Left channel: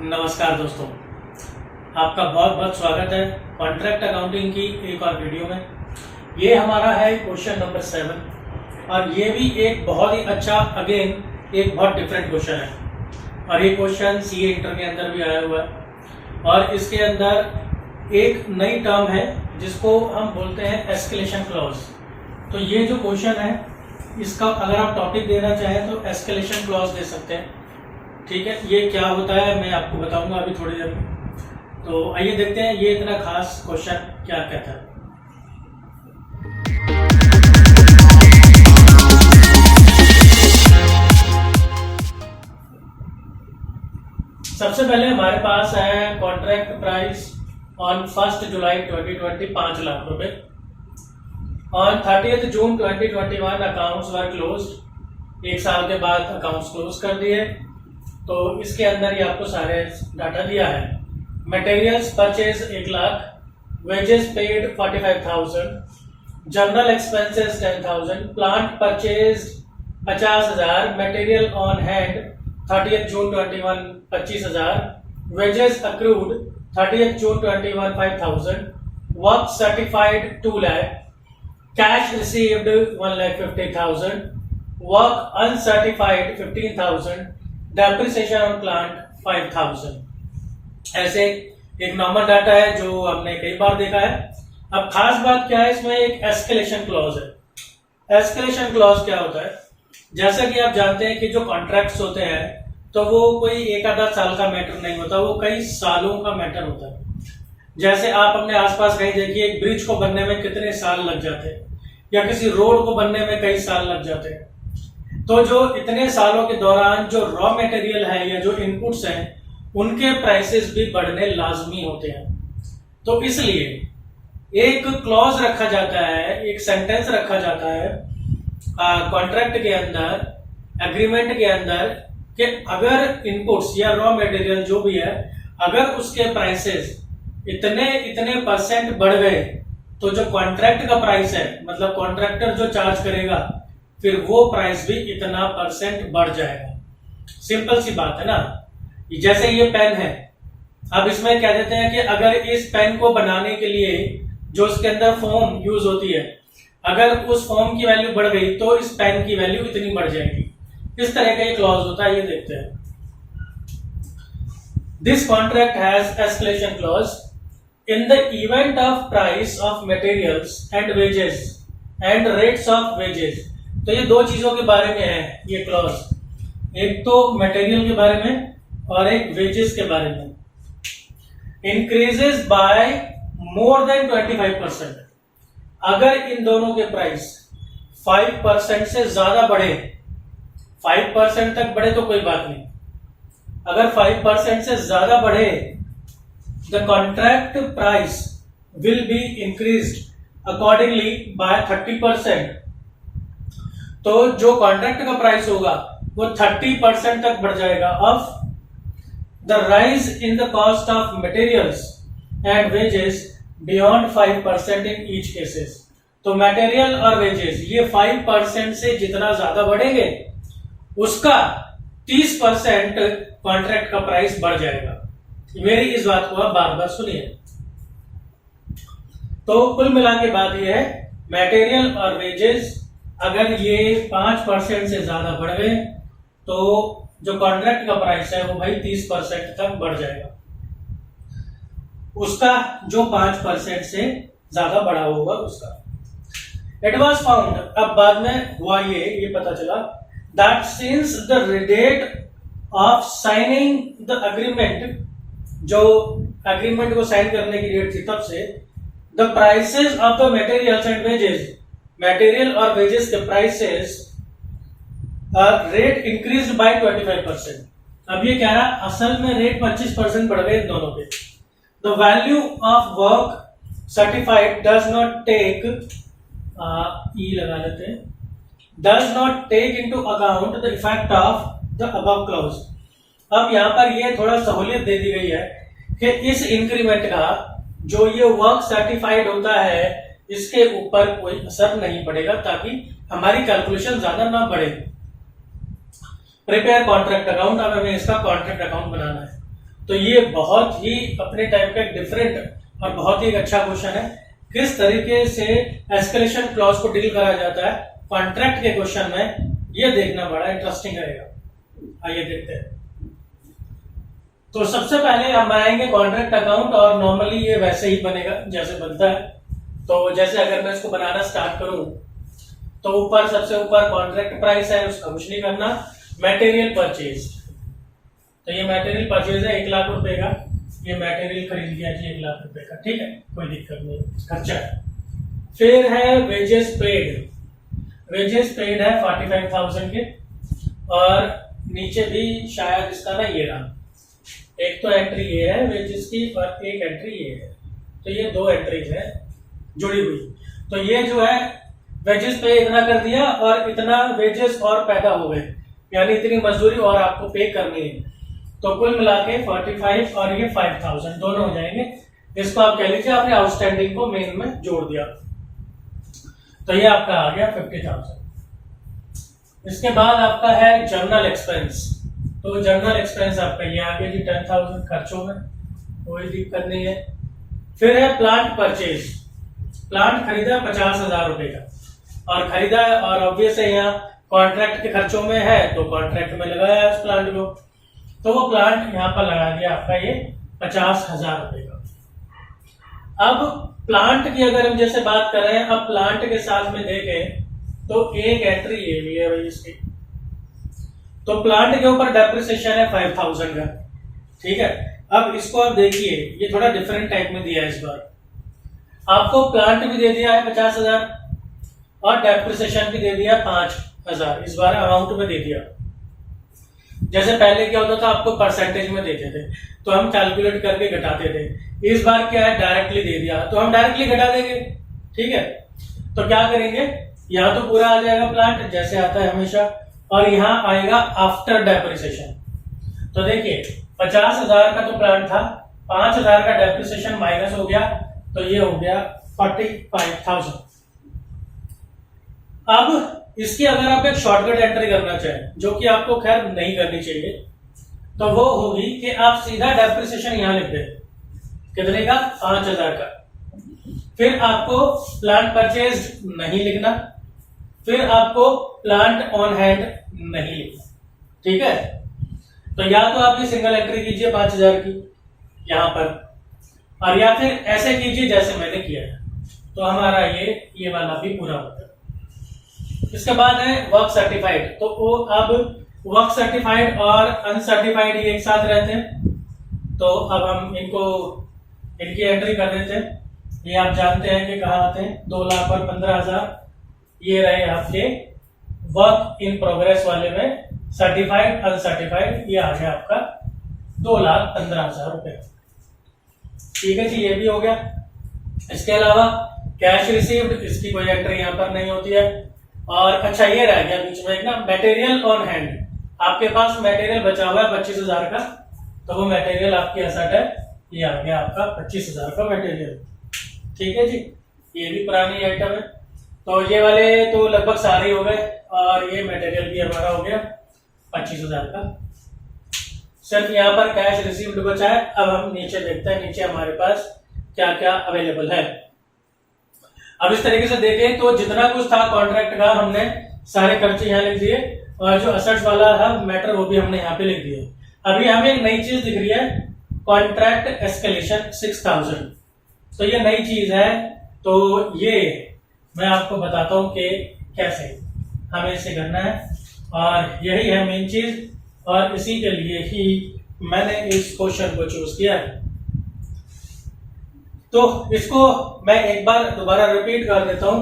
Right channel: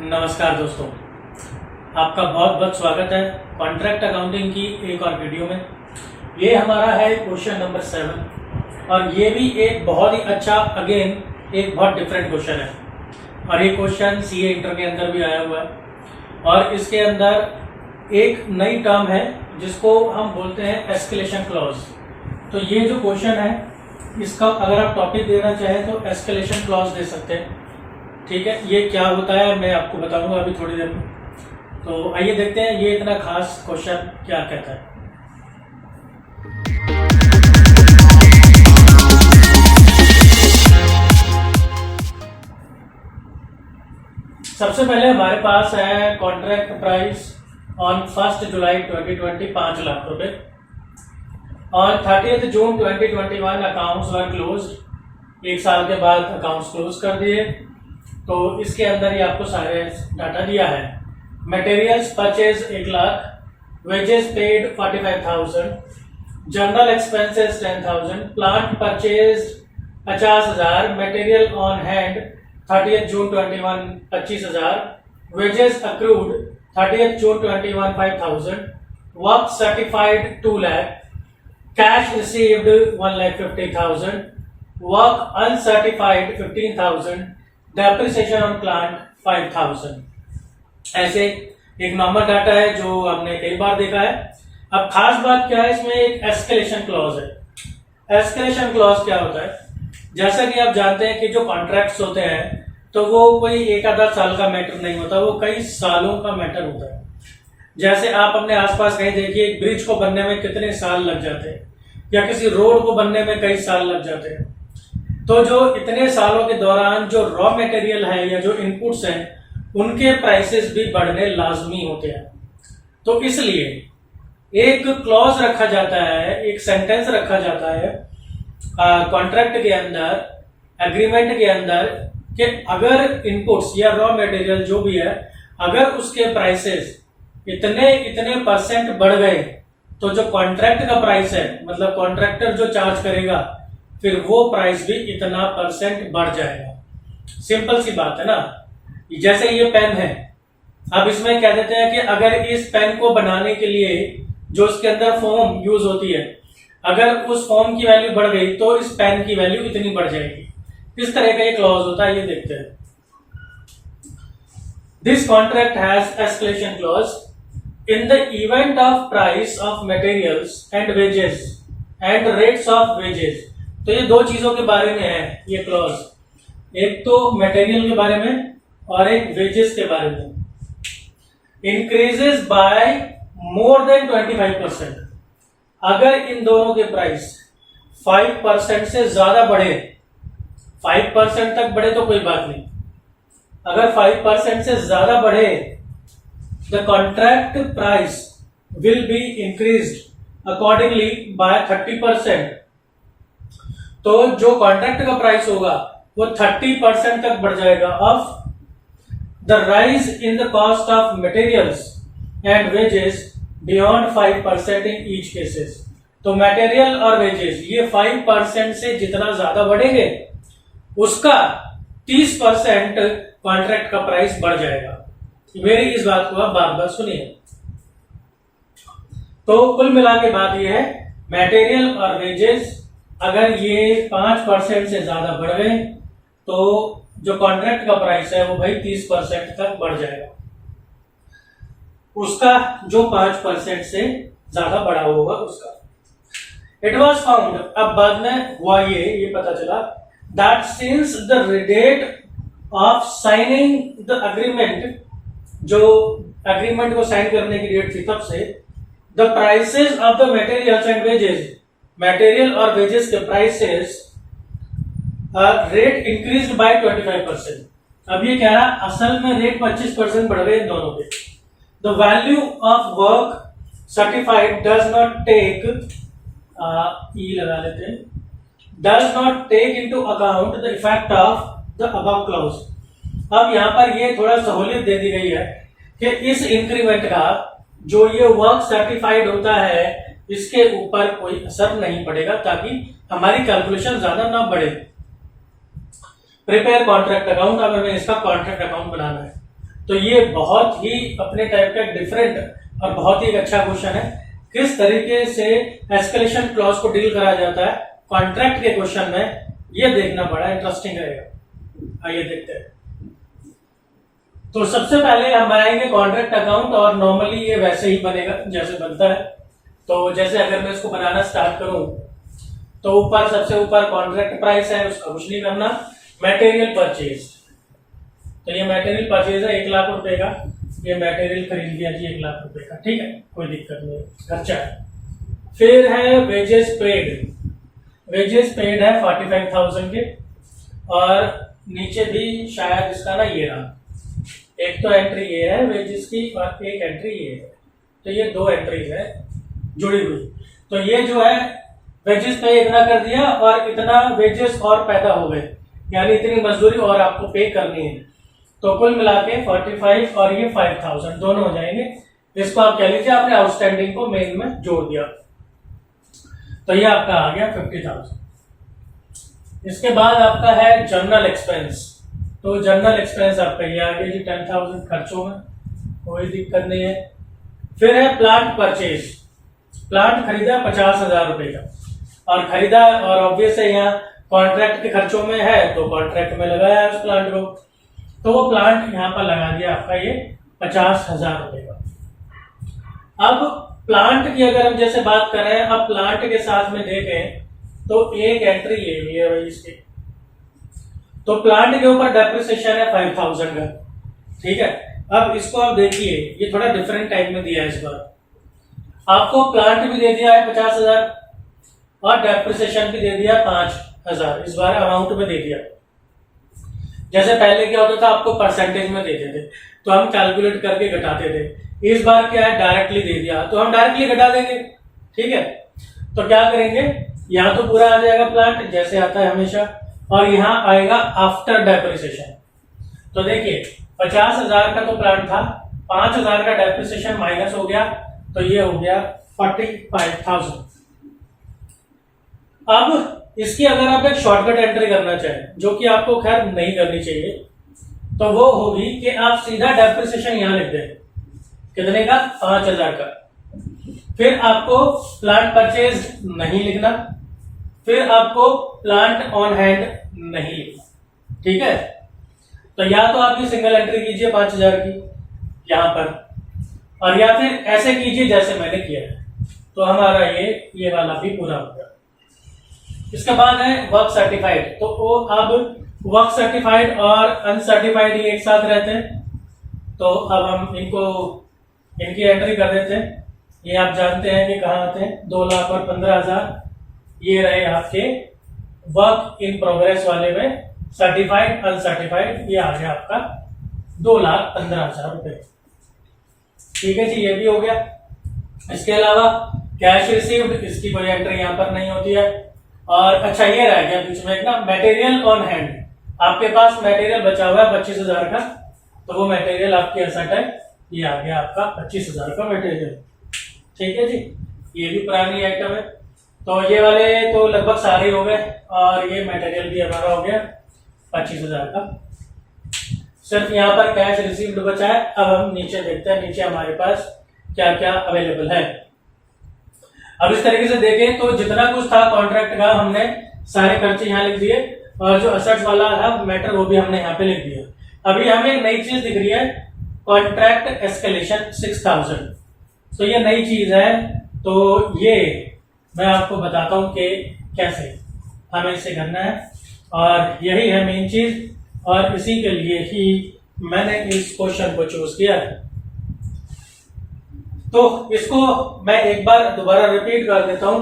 नमस्कार दोस्तों, आपका बहुत बहुत स्वागत है कॉन्ट्रैक्ट अकाउंटिंग की एक और वीडियो में। ये हमारा है क्वेश्चन नंबर 7 और ये भी एक बहुत ही अच्छा एक बहुत डिफरेंट क्वेश्चन है और ये क्वेश्चन सीए इंटर के अंदर भी आया हुआ है और इसके अंदर एक नई टर्म है जिसको हम बोलते हैं एस्केलेशन क्लॉज। तो ये जो क्वेश्चन है इसका अगर आप टॉपिक देना चाहें तो एस्केलेशन क्लॉज दे सकते हैं। ठीक है, ये क्या होता है मैं आपको बताऊंगा अभी थोड़ी देर में। तो आइए देखते हैं ये इतना खास क्वेश्चन क्या कहता है। सबसे पहले हमारे पास है कॉन्ट्रैक्ट प्राइस ऑन 1 जुलाई 2020 5 लाख रुपए। On 30 June 2021 accounts were closed. एक साल के बाद अकाउंट्स क्लोज कर दिए। तो इसके अंदर ही आपको सारे डाटा दिया है। Materials purchase 1 lakh, wages paid 45,000, general expenses 10,000, plant purchase 50,000, material on hand 30 June 21 25,000, wages accrued 30 June 21 5,000, work certified 2 lakh, cash received 1,50,000, work uncertified 15,000, depreciation on plant 5,000। ऐसे एक नॉर्मल डाटा है जो हमने कई बार देखा है। अब खास बात क्या है, इसमें एक एस्केलेशन क्लॉज है। एस्केलेशन क्लॉज क्या होता है? जैसा कि आप जानते हैं कि जो कॉन्ट्रैक्ट्स होते हैं तो वो कोई एक आधा साल का मैटर नहीं होता, वो कई सालों का मैटर होता है। जैसे आप अपने आसपास कहीं देखिए, एक ब्रिज को बनने में कितने साल लग जाते हैं या किसी रोड को बनने में कई साल लग जाते हैं। तो जो इतने सालों के दौरान जो रॉ मटेरियल है या जो इनपुट्स हैं उनके प्राइसेस भी बढ़ने लाजमी होते हैं। तो इसलिए एक क्लॉज रखा जाता है, एक सेंटेंस रखा जाता है कॉन्ट्रैक्ट के अंदर, एग्रीमेंट के अंदर कि अगर इनपुट्स या रॉ मटेरियल जो भी है, अगर उसके प्राइसेस इतने परसेंट बढ़ गए तो जो कॉन्ट्रैक्ट का प्राइस है, मतलब कॉन्ट्रैक्टर जो चार्ज करेगा, फिर वो प्राइस भी इतना परसेंट बढ़ जाएगा। सिंपल सी बात है ना। जैसे ये पेन है, अब इसमें कह देते हैं कि अगर इस पेन को बनाने के लिए जो इसके अंदर फोम यूज होती है, अगर उस फोम की वैल्यू बढ़ गई तो इस पेन की वैल्यू इतनी बढ़ जाएगी। इस तरह का ये क्लॉज होता है, ये देखते हैं। This contract has escalation clause in the event of price of materials and wages and rates of wages. तो ये दो चीजों के बारे में है ये क्लॉज, एक तो मटेरियल के बारे में और एक वेजेस के बारे में। Increases by more than 25%। अगर इन दोनों के प्राइस 5% से ज्यादा बढ़े, 5% तक बढ़े तो कोई बात नहीं, अगर 5% से ज्यादा बढ़े, the contract price will be increased accordingly by 30%। तो जो कॉन्ट्रैक्ट का प्राइस होगा वो 30% तक बढ़ जाएगा of the rise in the cost of materials and wages beyond 5% in each cases. तो मटेरियल और वेजेस ये 5% से जितना ज्यादा बढ़ेंगे उसका 30% कॉन्ट्रैक्ट का प्राइस बढ़ जाएगा। मेरी इस बात को आप बार बार सुनिए। तो कुल मिला के बात यह है, मटेरियल और वेजेस अगर ये 5% से ज्यादा बढ़ गए तो जो कॉन्ट्रैक्ट का प्राइस है वो भाई 30% तक बढ़ जाएगा, उसका जो 5% से ज्यादा बढ़ा होगा उसका। इट वॉज फाउंड, अब बाद में हुआ ये पता चला, that since the date of signing the agreement, जो अग्रीमेंट को साइन करने की डेट थी तब से, the prices of the materials and wages, material और वेजेस के प्राइसेस रेट इंक्रीज्ड बाय 25%। अब ये कह रहा असल में रेट 25% बढ़ गए इन दोनों के। The value of work certified does not take, ई लगा लेते हैं, does not take into account the effect of the above clause. अब यहां पर ये थोड़ा सहूलियत दे दी गई है कि इस इंक्रीमेंट का जो ये वर्क सर्टिफाइड होता है इसके ऊपर कोई असर नहीं पड़ेगा, ताकि हमारी कैलकुलेशन ज्यादा ना बढ़े। प्रिपेयर कॉन्ट्रैक्ट अकाउंट, अब हमें इसका कॉन्ट्रैक्ट अकाउंट बनाना है। तो ये बहुत ही अपने टाइप का डिफरेंट और बहुत ही एक अच्छा क्वेश्चन है। किस तरीके से एस्केलेशन क्लॉज को डील करा जाता है कॉन्ट्रैक्ट के क्वेश्चन में, ये देखना बड़ा इंटरेस्टिंग रहेगा। आइए देखते हैं। तो सबसे पहले हम बनाएंगे कॉन्ट्रैक्ट अकाउंट, और नॉर्मली ये वैसे ही बनेगा जैसे बनता है। तो जैसे अगर मैं इसको बनाना स्टार्ट करूं तो ऊपर सबसे ऊपर कॉन्ट्रैक्ट प्राइस है, उसका कुछ नहीं करना। मटेरियल परचेज, तो ये मटेरियल परचेज है 1 लाख रुपए का, ये मटेरियल खरीद लिया जी 1 लाख रुपए का, ठीक है, कोई दिक्कत नहीं, खर्चा है। फिर है वेजेस पेड, वेजेस पेड है 45,000 के, और नीचे भी शायद इसका ना ये रहा, एक तो एंट्री ये है वेजेस की और एक एंट्री ये है, तो ये 2 एंट्रीज है जुड़ी हुई। तो ये जो है वेजेस पे इतना कर दिया और इतना वेजेस और पैदा हो गए, यानी इतनी मजदूरी और आपको पे करनी है। तो कुल मिला के 45 और ये 5,000 दोनों हो जाएंगे। इसको आप कह लीजिए आपने आउटस्टैंडिंग को मेन में जोड़ दिया, तो ये आपका आ गया 50,000। इसके बाद आपका है जनरल एक्सपेंस, तो जनरल एक्सपेंस आपका ये आ गया जी 10,000 खर्चों में, कोई दिक्कत नहीं है। फिर है प्लांट परचेज, प्लांट खरीदा 50,000 रुपए का, और खरीदा और ऑब्वियस है यहाँ कॉन्ट्रैक्ट के खर्चों में है तो कॉन्ट्रैक्ट में लगाया उस प्लांट को, तो वो प्लांट यहाँ पर लगा दिया आपका ये 50,000 रुपए का। अब प्लांट की अगर हम जैसे बात करें, अब प्लांट के साथ में देखें तो एक एंट्री ये है इसकी, तो प्लांट के ऊपर डेप्रिसिएशन है 5,000 का, ठीक है। अब इसको आप देखिए, ये थोड़ा डिफरेंट टाइप में दिया है इस बार, आपको प्लांट भी दे दिया है 50,000 और डेप्रिसिएशन भी दे दिया 5,000, इस बार अमाउंट में दे दिया। जैसे पहले क्या होता था आपको परसेंटेज में देते थे तो हम कैलकुलेट करके घटाते थे, इस बार क्या है डायरेक्टली दे दिया तो हम डायरेक्टली घटा देंगे, ठीक है। तो क्या करेंगे, यहाँ तो पूरा आ जाएगा प्लांट जैसे आता है हमेशा, और यहाँ आएगा आफ्टर डेप्रिसिएशन। तो देखिए 50,000 का तो प्लांट था, 5,000 का डेप्रिसिएशन माइनस हो गया, तो ये हो गया 45,000। अब इसकी अगर आप एक शॉर्टकट एंट्री करना चाहें, जो कि आपको खैर नहीं करनी चाहिए, तो वो होगी कि आप सीधा डेप्रिसिएशन यहां लिख दें, कितने का 5,000 का, फिर आपको प्लांट परचेज नहीं लिखना, फिर आपको प्लांट ऑन हैंड नहीं लिखना, ठीक है। तो या तो आप ये सिंगल एंट्री कीजिए 5,000 की यहां पर, और या फिर ऐसे कीजिए जैसे मैंने किया है, तो हमारा ये वाला भी पूरा हो गया। इसके बाद है वर्क सर्टिफाइड, तो वो अब वर्क सर्टिफाइड और अनसर्टिफाइड ये एक साथ रहते हैं, तो अब हम इनकी एंट्री कर देते हैं। ये आप जानते हैं कि कहाँ आते हैं, 2 लाख और 15,000 ये रहे आपके वर्क इन प्रोग्रेस वाले में, सर्टिफाइड अनसर्टिफाइड ये आ गया आपका 2,15,000 रुपए, ठीक है जी, ये भी हो गया। इसके अलावा कैश रिसीव्ड, इसकी कोई एंट्री यहाँ पर नहीं होती है। और अच्छा ये रह गया बीच में एक ना, मटेरियल ऑन हैंड, आपके पास मटेरियल बचा हुआ है 25,000 का, तो वो मटेरियल आपकी एसेट है, ये आ गया आपका 25,000 का मटेरियल, ठीक है जी, ये भी पुरानी आइटम है। तो ये वाले तो लगभग सारे हो गए, और ये मटेरियल भी हमारा हो गया 25,000 का। सिर्फ यहाँ पर कैश रिसीव्ड बचा है। अब हम नीचे देखते हैं, नीचे हमारे पास क्या क्या अवेलेबल है। अब इस तरीके से देखें तो जितना कुछ था कॉन्ट्रैक्ट का हमने सारे खर्चे यहाँ लिख दिए, और जो असेट्स वाला था मैटर वो भी हमने यहाँ पे लिख दिया। अभी हमें एक नई चीज दिख रही है, कॉन्ट्रैक्ट एस्केलेशन 6,000, तो ये नई चीज है, तो ये मैं आपको बताता हूँ कि कैसे हमें इसे करना है, और यही है मेन चीज, और इसी के लिए ही मैंने इस क्वेश्चन को चूज किया है। तो इसको मैं एक बार दोबारा रिपीट कर देता हूं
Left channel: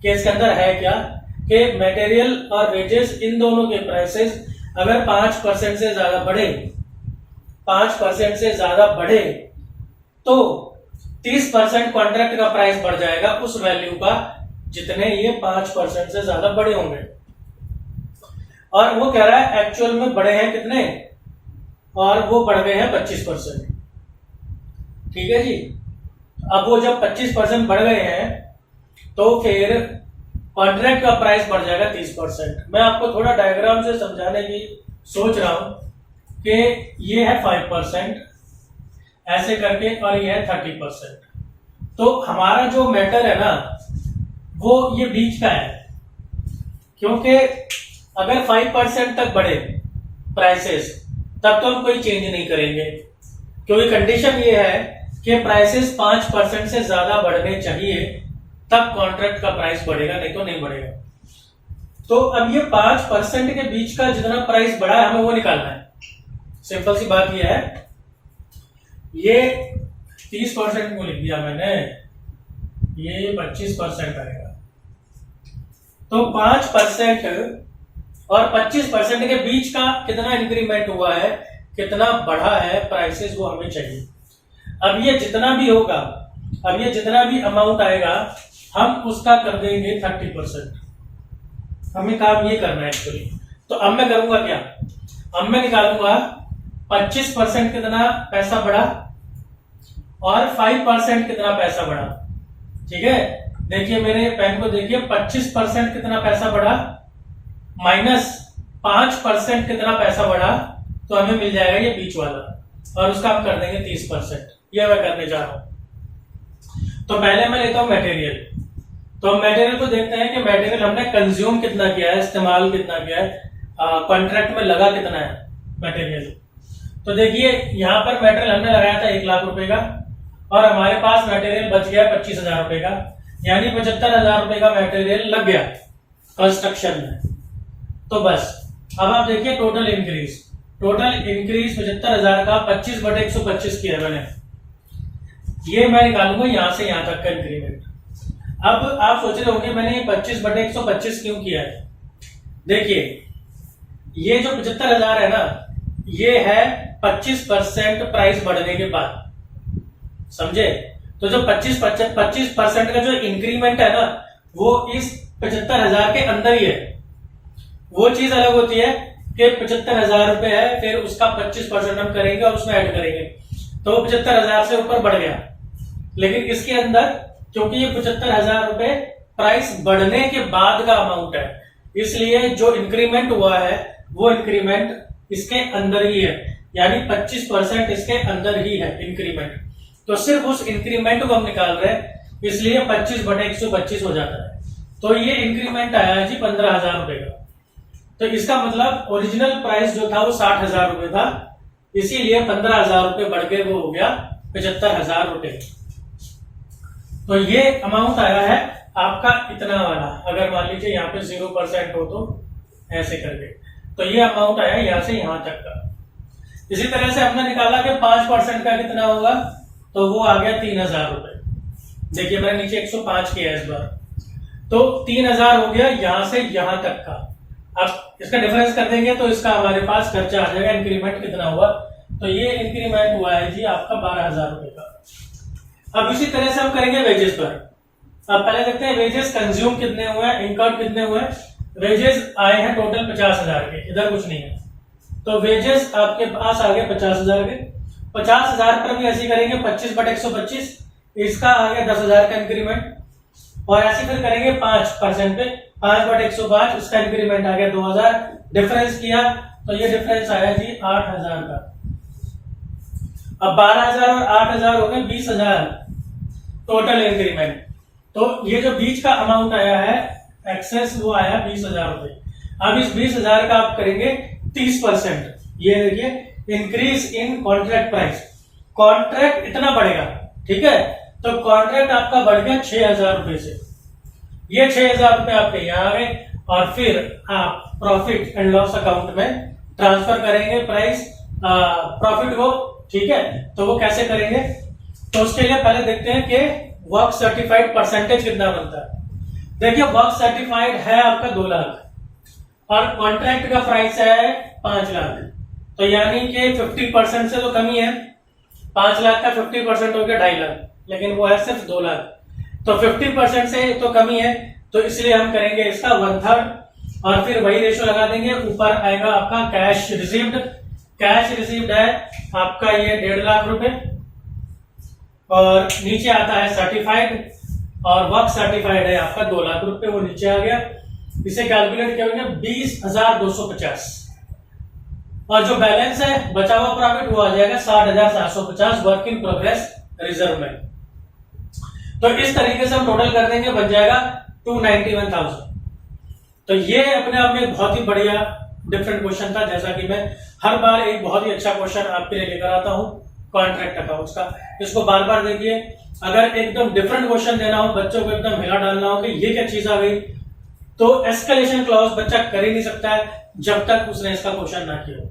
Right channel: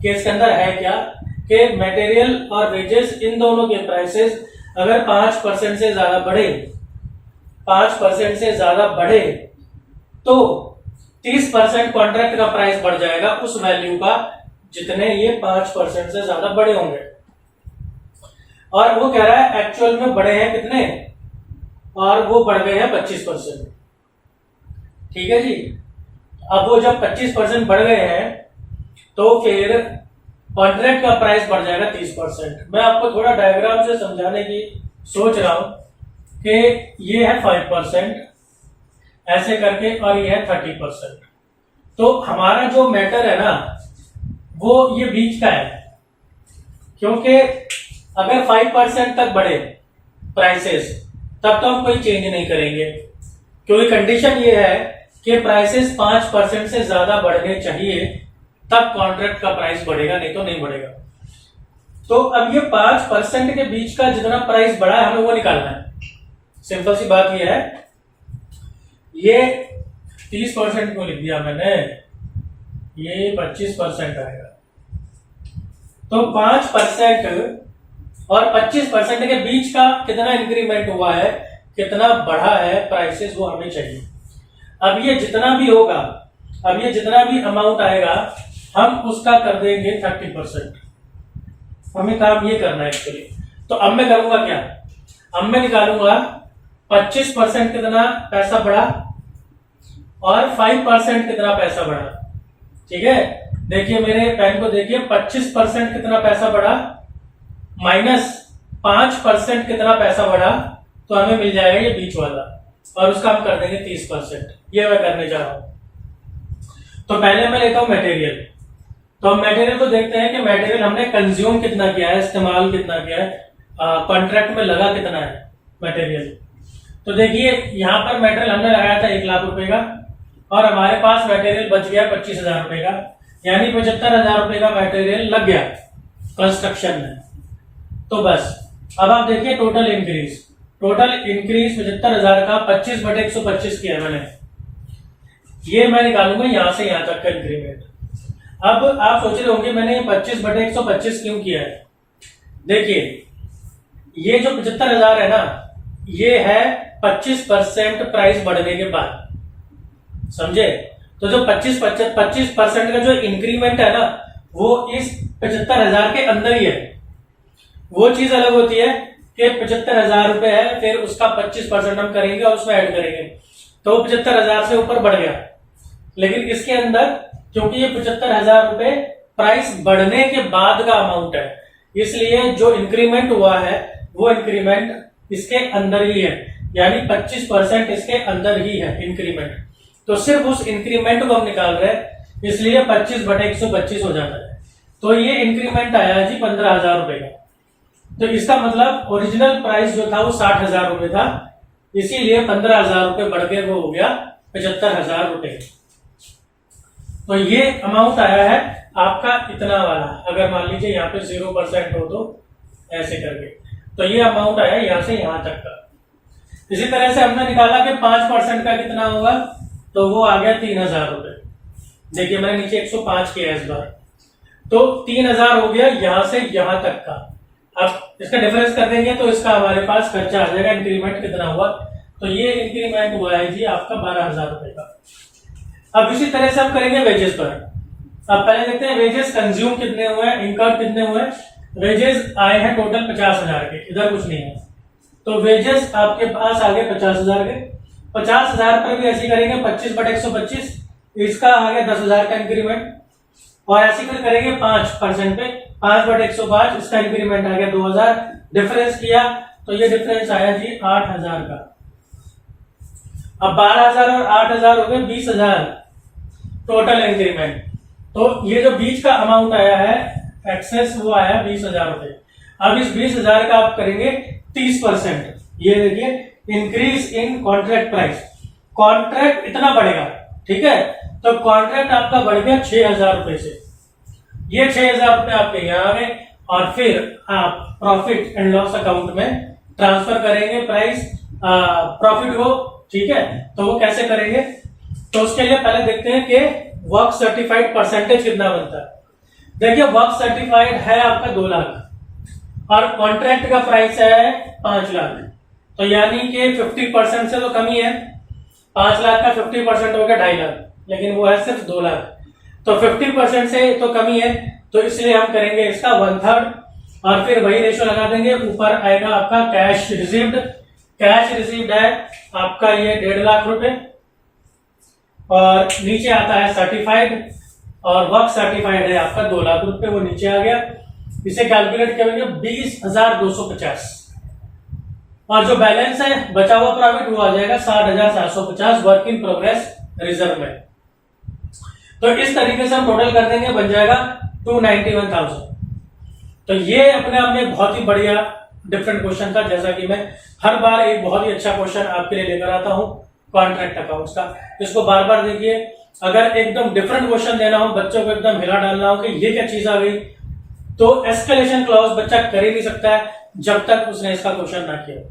कि इसके अंदर है क्या, कि मटेरियल और वेजेस इन दोनों के प्राइसेस अगर 5% से ज्यादा बढ़े, 5% से ज्यादा बढ़े तो 30% कॉन्ट्रैक्ट का प्राइस बढ़ जाएगा उस वैल्यू का जितने ये 5% से ज्यादा बढ़े होंगे। और वो कह रहा है एक्चुअल में बढ़े हैं कितने, और वो बढ़ गए हैं 25%, ठीक है जी। अब वो जब 25% बढ़ गए हैं तो फिर कॉन्ट्रैक्ट का प्राइस बढ़ जाएगा 30%। मैं आपको थोड़ा डायग्राम से समझाने की सोच रहा हूं कि ये है 5%, ऐसे करके, और ये है 30%। तो हमारा जो मैटर है ना वो ये बीच का है, क्योंकि अगर 5% तक बढ़े प्राइसेस तब तो हम कोई चेंज नहीं करेंगे, क्योंकि कंडीशन ये है कि प्राइसेस 5% से ज्यादा बढ़ने चाहिए तब कॉन्ट्रैक्ट का प्राइस बढ़ेगा, नहीं तो नहीं बढ़ेगा। तो अब ये 5% के बीच का जितना प्राइस बढ़ा है हमें वो निकालना है। सिंपल सी बात ये है, ये 30% को लिख दिया मैंने, ये 25% आएगा। तो 5% और 25% के बीच का कितना इंक्रीमेंट हुआ है, कितना बढ़ा है प्राइसेस, वो हमें चाहिए। अब ये जितना भी होगा, अब ये जितना भी अमाउंट आएगा हम उसका कर देंगे 30%। हमें काम ये करना है एक्चुअली। तो अब मैं करूंगा क्या, अब मैं निकालूंगा 25% कितना पैसा बढ़ा और 5% कितना पैसा बढ़ा। ठीक है, देखिए मेरे पेन को देखिए, 25% कितना पैसा बढ़ा माइनस 5% कितना पैसा बढ़ा, तो हमें मिल जाएगा ये बीच वाला, और उसका हम कर देंगे 30%। ये मैं करने जा रहा हूं। तो पहले मैं लेता हूं मटेरियल। तो हम मटेरियल को देखते हैं कि मटेरियल हमने कंज्यूम कितना किया है, इस्तेमाल कितना किया है, कॉन्ट्रैक्ट में लगा कितना है मटेरियल। तो देखिए यहाँ पर मटेरियल हमने लगाया था 1 लाख रुपए का, और हमारे पास मटेरियल बच गया 25,000 रुपए का, यानी 75,000 रुपए का मटेरियल लग गया कंस्ट्रक्शन में। तो बस अब आप देखिए टोटल इंक्रीज 75,000 का 25/125 किया मैंने, ये मैं निकालूंगा यहां से यहां तक का इंक्रीमेंट। अब आप सोच रहे होंगे मैंने 25/125 क्यों किया है। देखिए ये जो 75,000 है ना, ये है 25% प्राइस बढ़ने के बाद, समझे। तो जो 25% का जो इंक्रीमेंट है ना, वो इस 75,000 के अंदर ही है। वो चीज अलग होती है कि 75,000 रुपए है, फिर उसका 25% हम करेंगे और उसमें ऐड करेंगे, तो वो 75,000 से ऊपर बढ़ गया। लेकिन इसके अंदर क्योंकि ये 75,000 रुपए प्राइस बढ़ने के बाद का अमाउंट है, इसलिए जो इंक्रीमेंट हुआ है वो इंक्रीमेंट इसके अंदर ही है, यानी 25% इसके अंदर ही है इंक्रीमेंट। तो सिर्फ उस इंक्रीमेंट को हम निकाल रहे हैं, इसलिए 25/125 हो जाता है। तो ये इंक्रीमेंट आया है जी 15,000 रुपए का। तो इसका मतलब ओरिजिनल प्राइस जो था वो 60,000 रुपए था, इसीलिए 15,000 रुपए बढ़ के वो हो गया 75,000 रुपए। तो ये अमाउंट आया है आपका इतना वाला, अगर मान लीजिए यहाँ पे 0% हो तो ऐसे करके, तो ये अमाउंट आया यहां से यहां तक का। इसी तरह से हमने निकाला कि 5% का कितना होगा, तो वो आ गया 3,000 रुपए। देखिए मैंने नीचे 105 किया इस बार, तो 3,000 हो गया यहां से यहां तक का। अब इसका डिफरेंस कर देंगे तो इसका हमारे पास खर्चा आ जाएगा, इंक्रीमेंट कितना हुआ, तो ये इंक्रीमेंट हुआ है जी आपका 12,000 रुपए का। अब इसी तरह से हम करेंगे वेजेस पर। अब पहले देखते हैं वेजेस कंज्यूम कितने हुए हैं, इनकम कितने हुए। वेजेस आए हैं टोटल 50,000 के, इधर कुछ नहीं है, तो वेजेस आपके पास आ गए 50,000 के। 50,000 पर भी ऐसे करेंगे 25/125, इसका आ गया 10,000 का इंक्रीमेंट, और ऐसे फिर करेंगे 5% पे 5/105, इसका इंक्रीमेंट आ गया 2,000। डिफरेंस किया तो ये डिफरेंस आया जी 8,000 का। अब 12,000 और 8,000 हो गए 20,000 टोटल इंक्रीमेंट। तो ये जो बीच का अमाउंट आया है एक्सेस, वो आया 20,000 रुपए। अब इस 20,000 का आप करेंगे 30%। ये देखिए increase in contract price, contract इतना बढ़ेगा, ठीक है। तो कॉन्ट्रैक्ट आपका बढ़ गया 6,000 रुपए से, ये 6,000 रुपए आपके यहाँ आ गए, और फिर आप प्रॉफिट एंड लॉस अकाउंट में ट्रांसफर करेंगे प्राइस प्रॉफिट को, ठीक है। तो वो कैसे करेंगे, तो उसके लिए पहले देखते हैं कि वर्क सर्टिफाइड परसेंटेज कितना बनता है। देखिए वर्क सर्टिफाइड है आपका 2 लाख और कॉन्ट्रैक्ट का प्राइस है 5 लाख, तो यानी कि 50% से तो कम ही है। 5 लाख का 50% हो गया 2.5 लाख, लेकिन वो है सिर्फ 2 लाख, तो 50% से तो कम ही है, तो इसलिए हम करेंगे इसका 1/3 और फिर वही रेशो लगा देंगे। ऊपर आएगा आपका कैश रिसीव्ड, कैश रिसीव्ड है आपका ये 1.5 लाख रुपए, और नीचे आता है सर्टिफाइड, और वर्क सर्टिफाइड है आपका 2 लाख रुपए, वो नीचे आ गया। इसे कैलकुलेट करेंगे 20,250, और जो बैलेंस है बचा हुआ प्रॉफिट वो आ जाएगा 60,750 वर्क इन प्रोग्रेस रिजर्व में। तो इस तरीके से हम टोटल कर देंगे, बन जाएगा 291,000। तो ये अपने आप में बहुत ही बढ़िया डिफरेंट क्वेश्चन था। जैसा कि मैं हर बार एक बहुत ही अच्छा क्वेश्चन आपके लिए लेकर आता हूं कॉन्ट्रैक्ट अकाउंट्स का, इसको बार बार देखिए। अगर एकदम डिफरेंट क्वेश्चन देना हो, बच्चों को एकदम हिला डालना हो कि ये क्या चीज आ गई, तो एस्केलेशन क्लॉज बच्चा कर ही नहीं सकता है जब तक उसने इसका क्वेश्चन ना किया।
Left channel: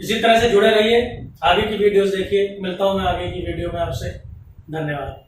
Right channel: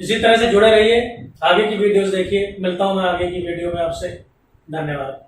इसी तरह से जुड़े रहिए, आगे की वीडियोस देखिए। मिलता हूं मैं आगे की वीडियो में आपसे। धन्यवाद।